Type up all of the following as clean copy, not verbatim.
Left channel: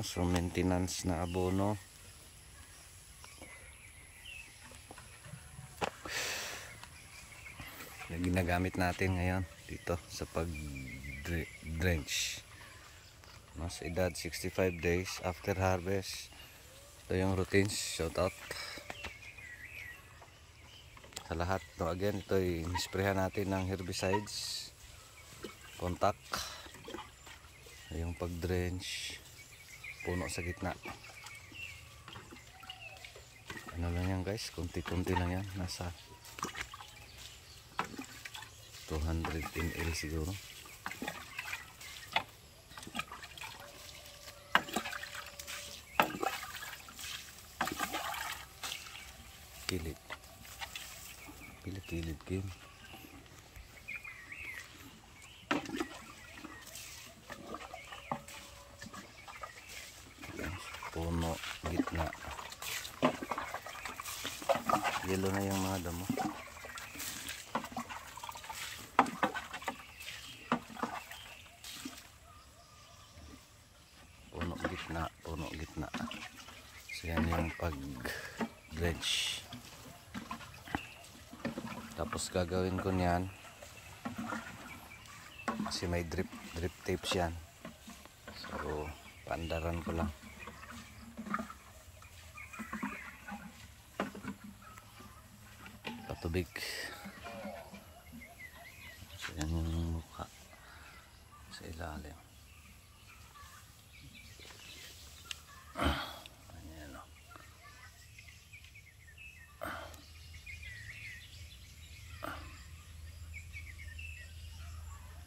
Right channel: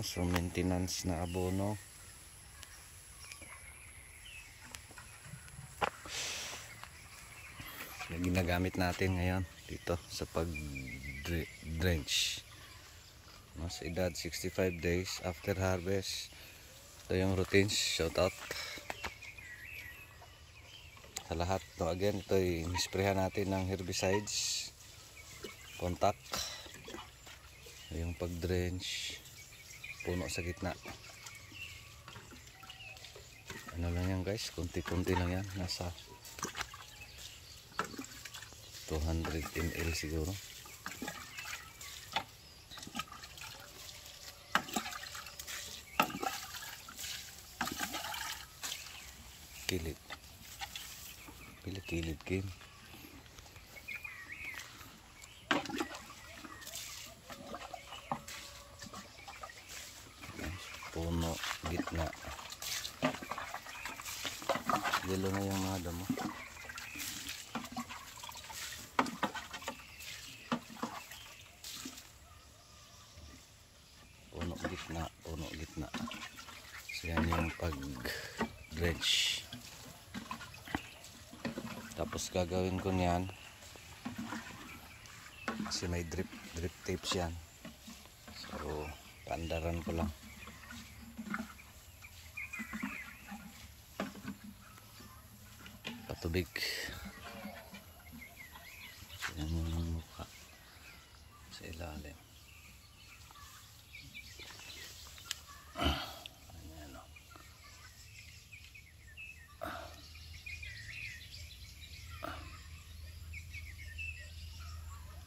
So maintenance na abono. Na ginagamit natin ngayon dito sa pag-drench. Sa edad 65 days after harvest. Ito yung routines. Shout out sa lahat. No, again, ito i-sprayhan natin ng herbicides, contact, yung pag-drench, puno sa gitna. Ano lang yan guys, kunti-kunti lang yan, nasa 200 ml siguro. Kilid game. Puno, gitna. Yellow na yung mga damo. Puno, gitna. So yan yung pag-drench. Tapos gagawin ko niyan kasi may drip tapes yan. So paandaran ko lang. Patubig. So yan yung mukha sa ilalim. Ayan o.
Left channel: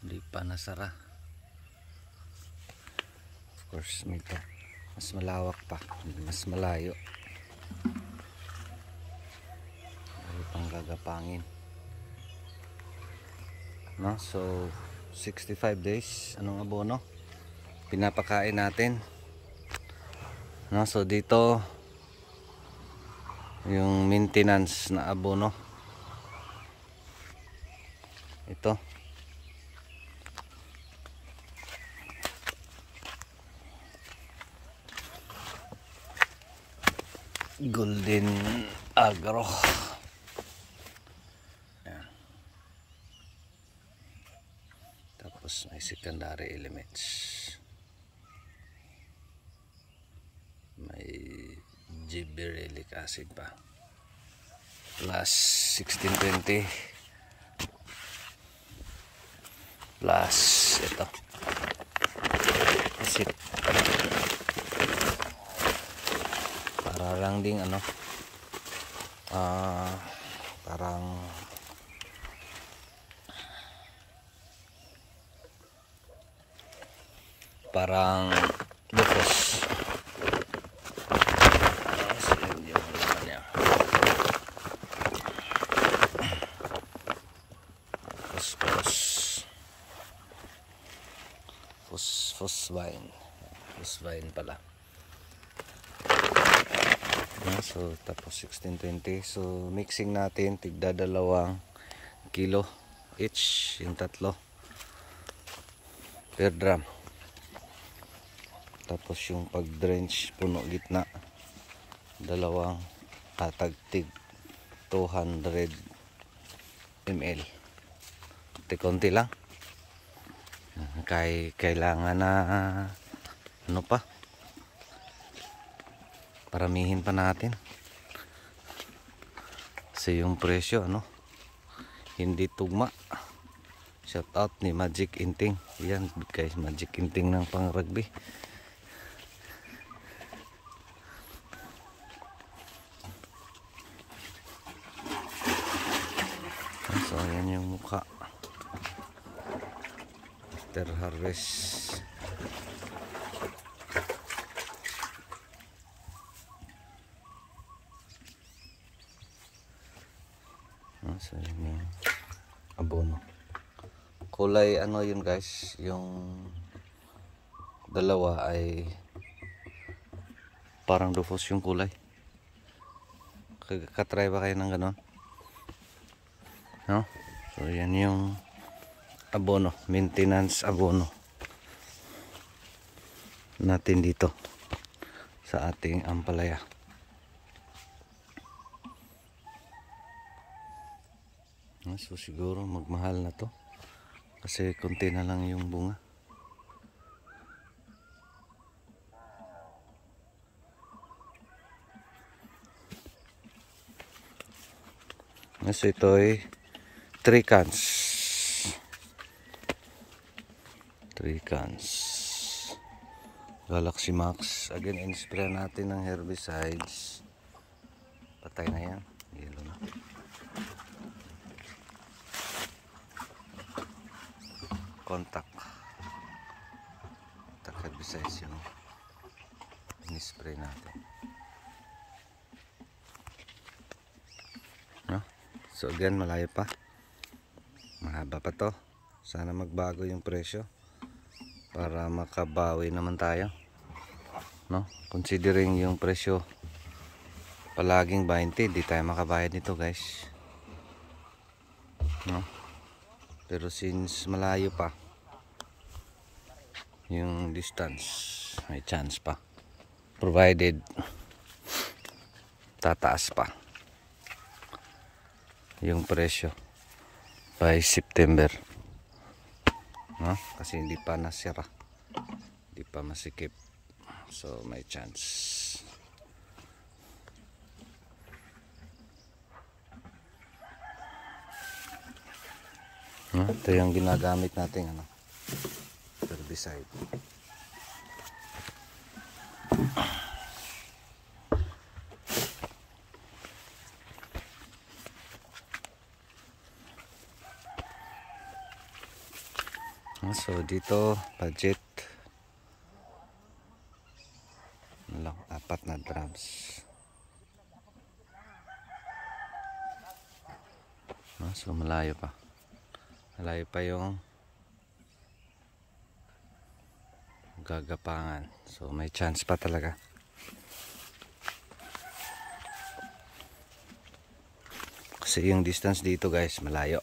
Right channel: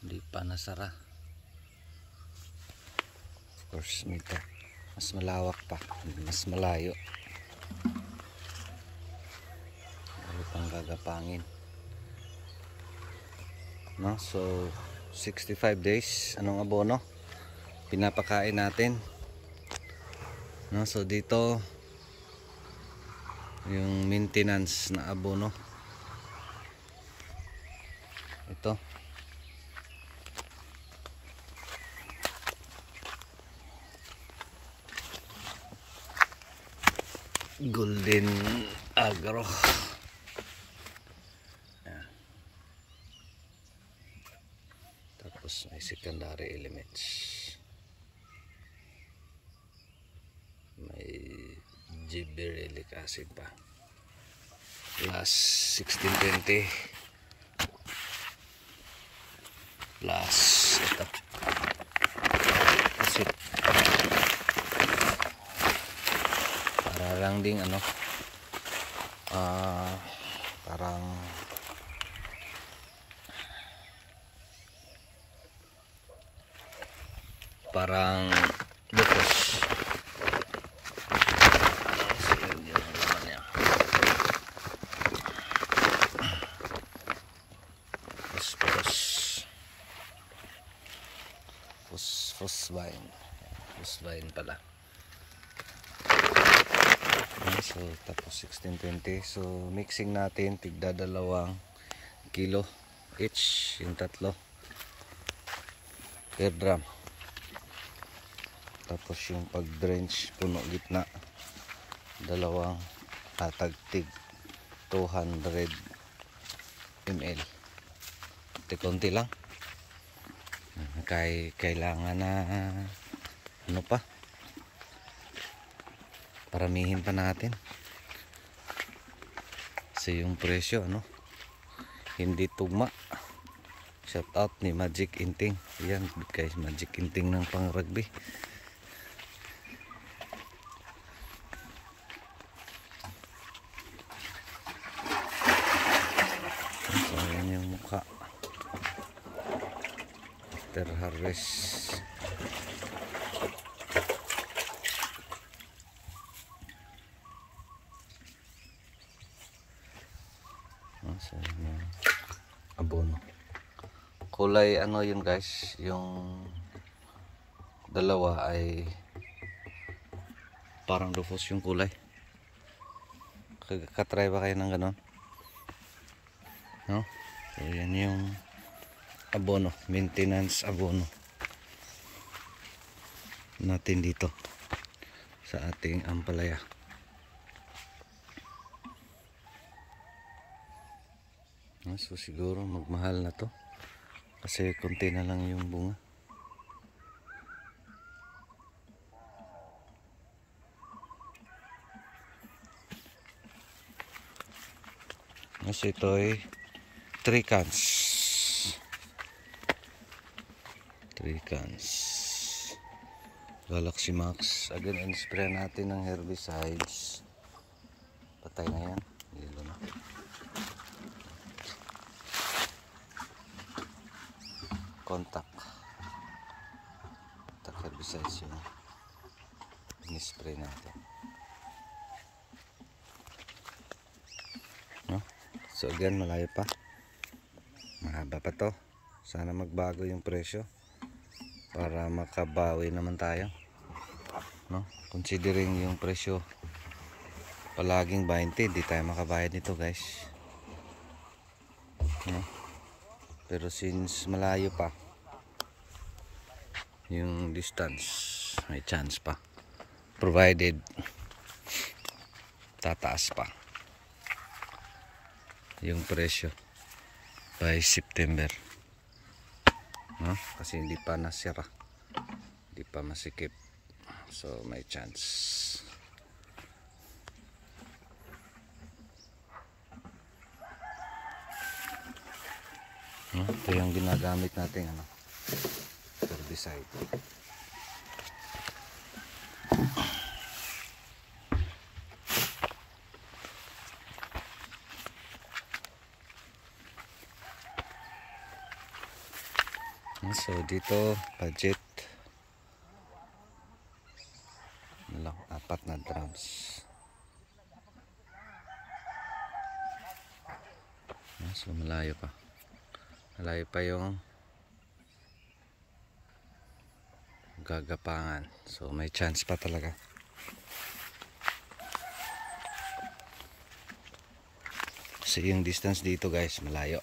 Hindi pa nasara. Of course, mas malawak pa, mas malayo. Ayaw pang gagapangin. No? So 65 days. Anong abono? Pinapakain natin. No? So dito yung maintenance na abono. Ito. Golden Agro. Ayan. Tapos may secondary elements. May gibberellic acid pa. Plus 1620. Plus ito. Acid. Para lang ding ano, parang lupos. So yun yung laman niya. Phosphine. Phosphine pala. So tapos 1620. So mixing natin tigda 2 kilo each, yung tatlo per drum. Tapos yung pag drench puno gitna 2 tig 200 ml. Konti lang. Kailangan na ano pa, paramihin pa natin. Kasi yung presyo ano, hindi tugma. Shout out ni Magic Inting. Yan guys, Magic Inting ng pang rugby. So yan yung mukha after harvest. So yun yung abono. Kulay ano yun guys, yung dalawa ay parang dufos yung kulay. Katry ba kayo ng ganon? No? So yan yung abono, maintenance abono natin dito. sa ating ampalaya. So siguro magmahal na to kasi konti na lang yung bunga. So ito ay 3 cans. 3 cans. Galaxy Max. Again, in-spray natin ng herbicides. Patay na yan. Yellow na. Contact. Contact herbicides yung in-spray natin. No? So again, malayo pa. Mahaba pa to. Sana magbago yung presyo para makabawi naman tayo, no? Considering yung presyo palaging 20, di tayo makabayad nito, guys, no? Pero since malayo pa yung distance, may chance pa, provided tataas pa yung presyo by September, no? Kasi hindi pa nasira, hindi pa masikip, so may chance. No? Ito yung ginagamit natin herbicide. So dito budget lang 4 na drums. So malayo pa yung gagapangan, so may chance pa talaga. Kasi yung distance dito, guys, malayo,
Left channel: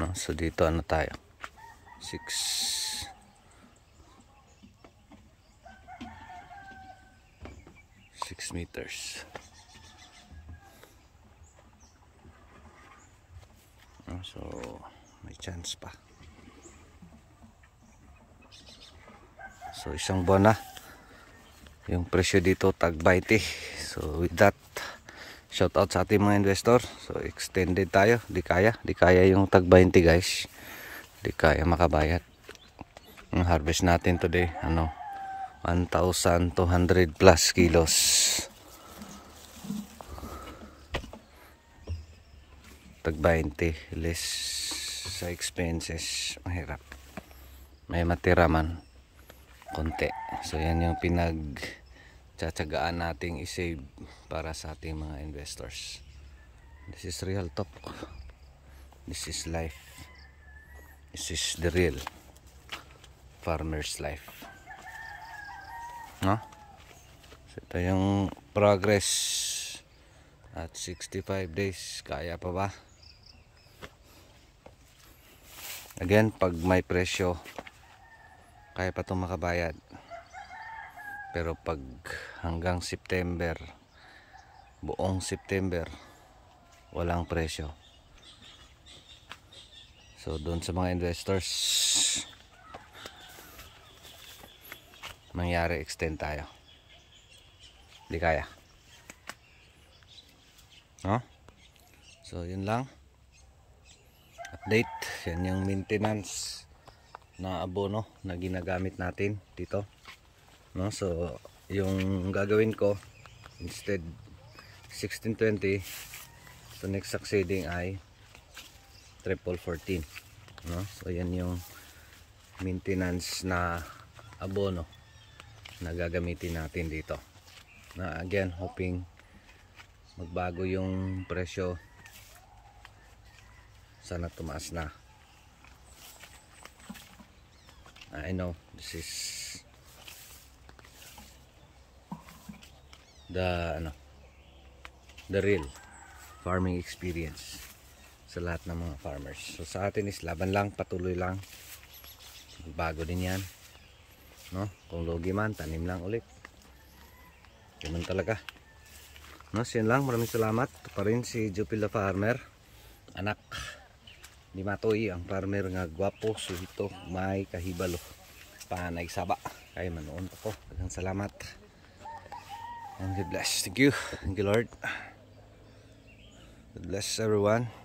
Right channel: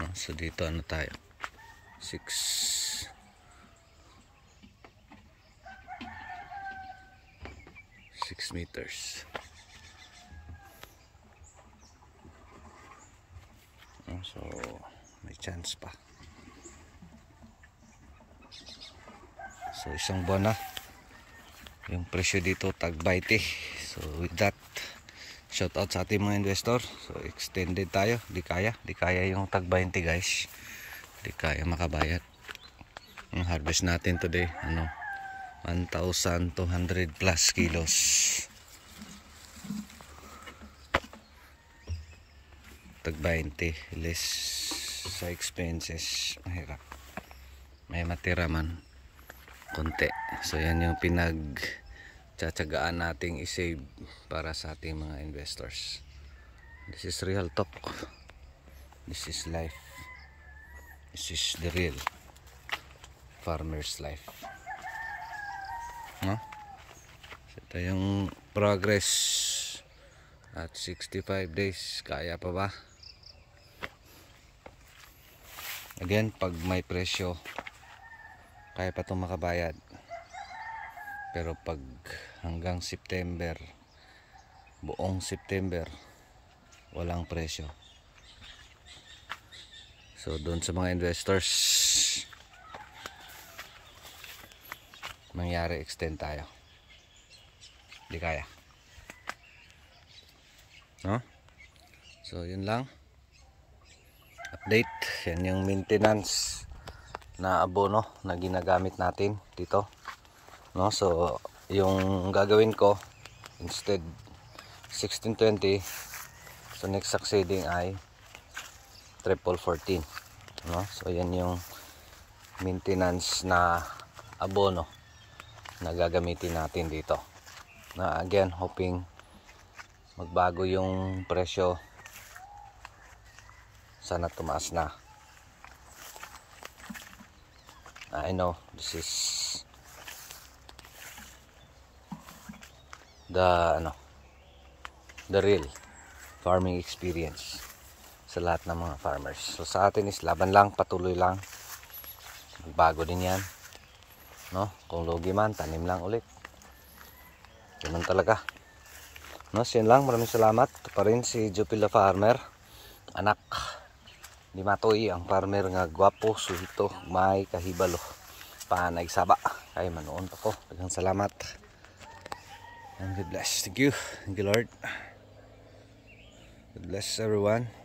no? So dito ano tayo, 6 meters. So may chance pa. So isang buwan na yung presyo dito, tag 20. So with that, shout out sa ating mga investor. So extended tayo, di kaya yung tag 20, guys. Di kaya makabayad. Yung harvest natin today, 1,200 plus kilos. Tag 20 less sa expenses, mahirap. May matira man konti. So yan yung pinagtsatsagaan nating i-save para sa ating mga investors. This is real talk. This is life. This is the real farmer's life, no? So ito yung progress at 65 days. Kaya pa ba? Again, pag may presyo, kaya pa itong makabayad. Pero pag hanggang September, buong September, walang presyo. So doon sa mga investors, mangyari extend tayo. Hindi kaya, no? So yun lang update. Yan yung maintenance na abono na ginagamit natin dito, no? So yung gagawin ko, instead 1620, so next succeeding ay 1414, no? So yan yung maintenance na abono na gagamitin natin dito, na again hoping magbago yung presyo. Sana tumaas na. I know this is the real farming experience sa lahat ng mga farmers. So sa atin is laban lang, patuloy lang. Magbago din yan, no? Kung lugi man, tanim lang ulit. Ganun talaga. No, so yun lang. Maraming salamat. Ito pa rin si Jupila Farmer. Anak ni Matoy, ang farmer nga gwapo, suhito, may kahibalo. Panay saba. Kaya manoon ako. Daghang salamat. And God bless. Thank you. Thank you, Lord. God bless everyone.